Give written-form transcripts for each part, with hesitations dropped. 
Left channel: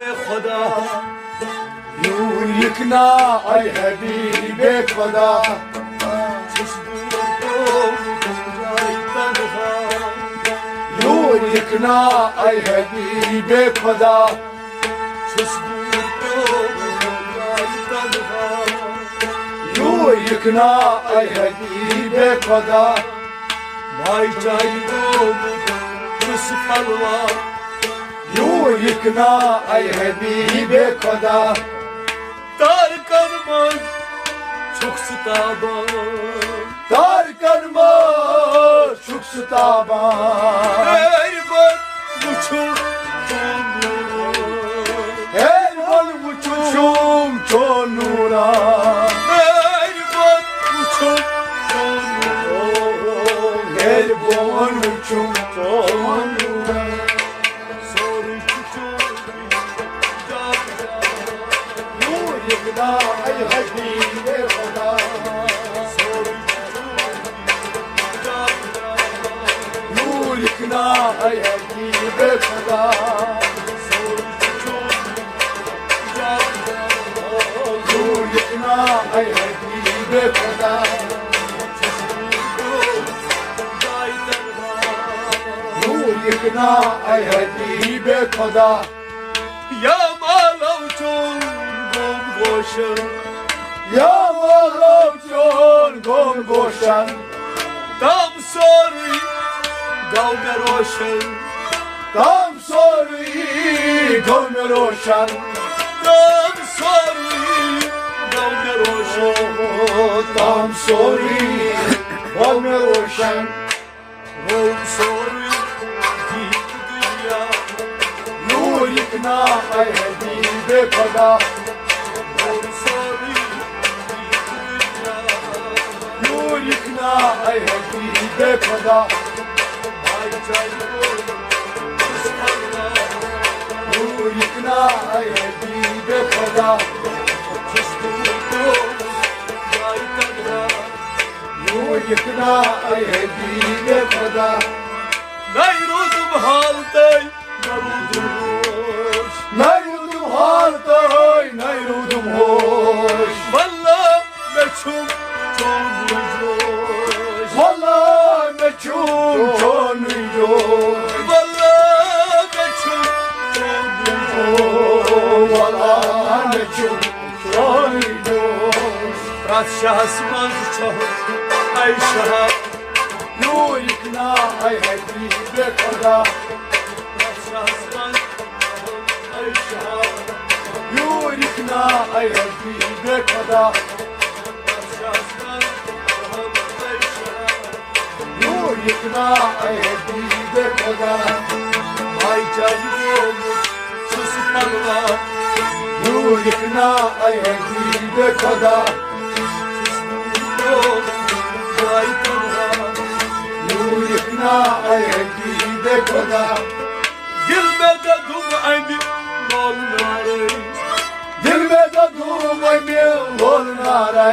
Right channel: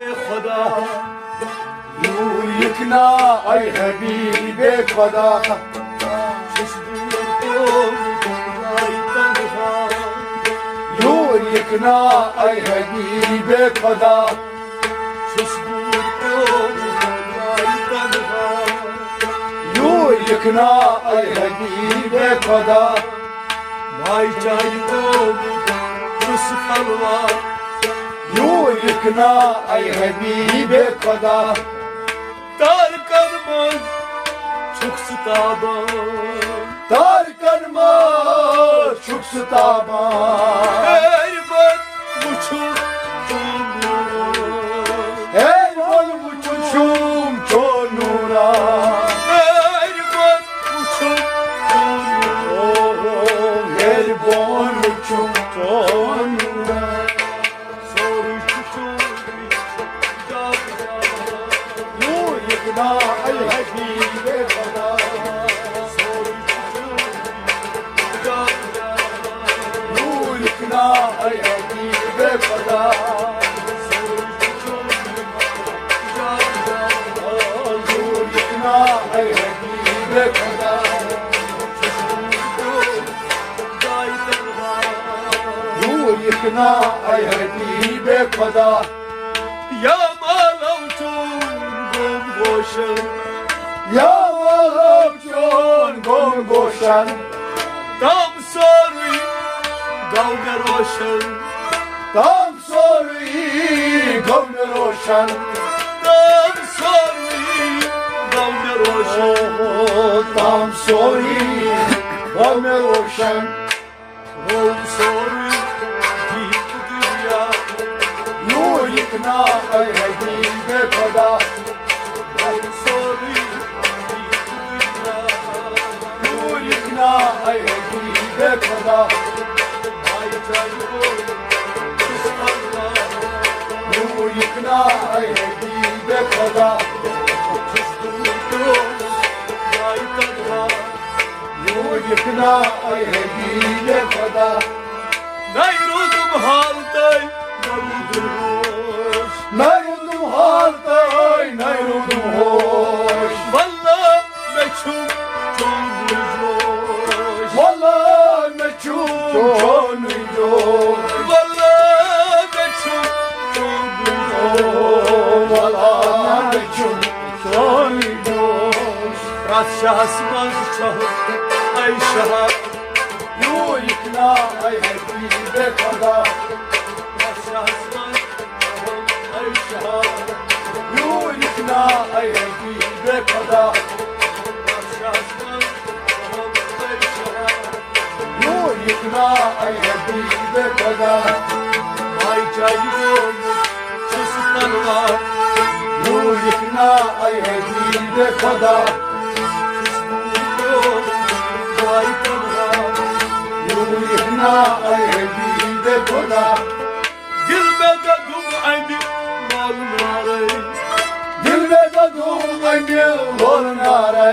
खुदा नूर लिखना ऐ हबीब खुदा नूर लिखना ऐ हबीब खुदा नूर लिखना ऐ हबीब खुदा भाई चाई को चुस फलवा नूर लिखना ऐ हबीब खुदा तार कर्मन छुक सताबान तार कर्मन छुक सताबान एरबन मुछुम एरबन मुछुम चोनूरा एरबन मुछुम एरबन मुछुम चोनूरा लिखना ऐ हबीब खुदा नूर लिखना ऐ हबीब खुदा नूर लिखना ऐ हबीब खुदा नूर लिखना ऐ हबीब खुदा या मालौ Goshen, ya Malham John Gon Goshen, Tam sorry, Gaumer Ocean, Tam sorry, Gaumer Ocean, Tam sorry, Gaumer Ocean, Tam sorry, Gaumer Ocean, Oh sorry, Deep Dunya, Noor Likhna ऐ हबीब खुदा नूर लिखना ऐ हबीब खुदा भाई चाहिए नूर लिखना ऐ हबीब खुदा नूर लिखना ऐ हबीब खुदा नहीं रुदम हालतै नहीं रुदम हालतै नहीं रुदम होश वल्लाह मैं छुम Wallah meçhul çonuyum Wallah meçhul çonuyum Wallah meçhul çonuyum Ras şahsmaz çahı ay şah Nur ikna ay hebib खुदा Ras şahsmaz çahı ay şah Nur ikna ay hebib खुदा Ras şahsmaz लिखना ऐ हबीब खुदा भाई चाहिए सुस फलवा नूर लिखना ऐ हबीब खुदा भाई तन्हा नूर लिखना ऐ हबीब खुदा दिल में तो धूम आएंगे बोल नारे दिल में तो धूम आएंगे बोल नारे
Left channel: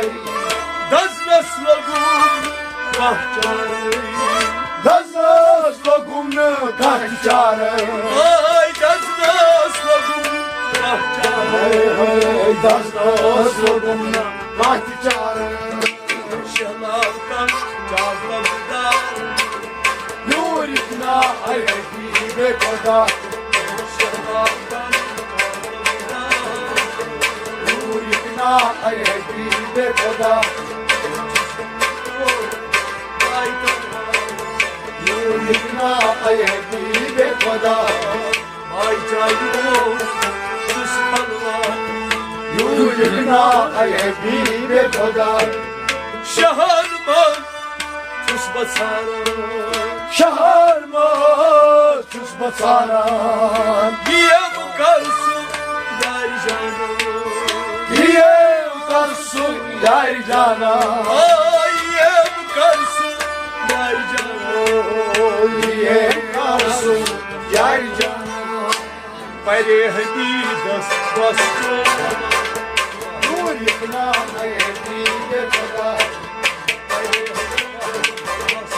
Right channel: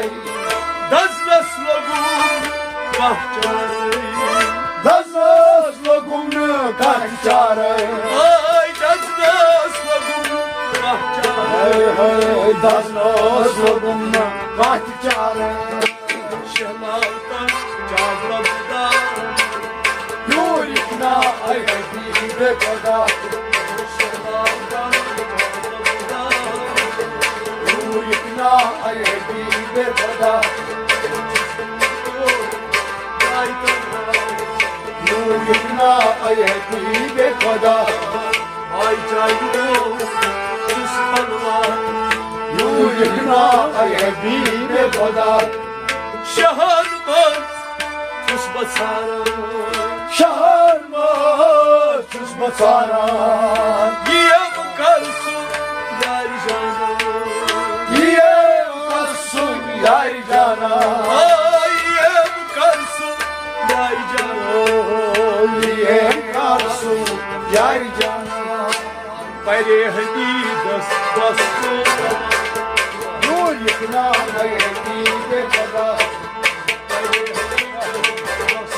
10 लोगों kahçare Daznas logumnu kahçare Ay daznas logumnu kahçare Ay daznas logumnu kahçare Şemaltan çavlavda Nur ikna ay hebib खुदा Şemaltan çavlavda Nur ikna ay hebib खुदा नूर लिखना ऐ हबीब खुदा भाई चाहिए सुस फलवा नूर लिखना ऐ हबीब खुदा शहर में तुस बसारा शहर में तुस बसारा ये मकरसु यार जाना ये मकरसु यार जाना ये मकरसु यार जाना ये मकरसु यार जाना परे हदीदस बस्तो नूर लिखना ऐ हबीब खुदा परे हदीदस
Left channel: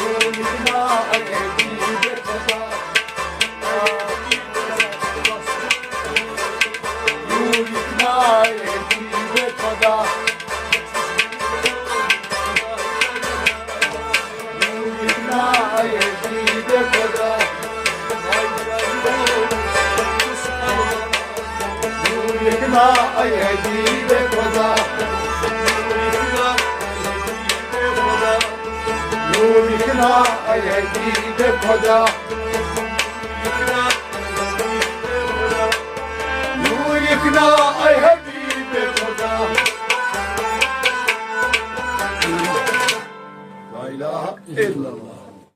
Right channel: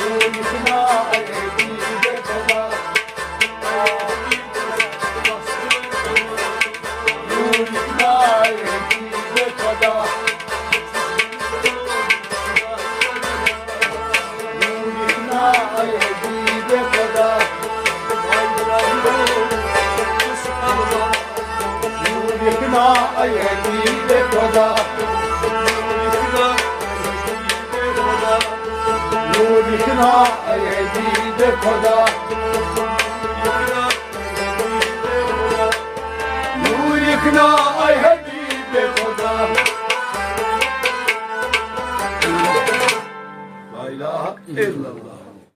नूर लिखना ऐ हबीब खुदा खुदा नूर इखना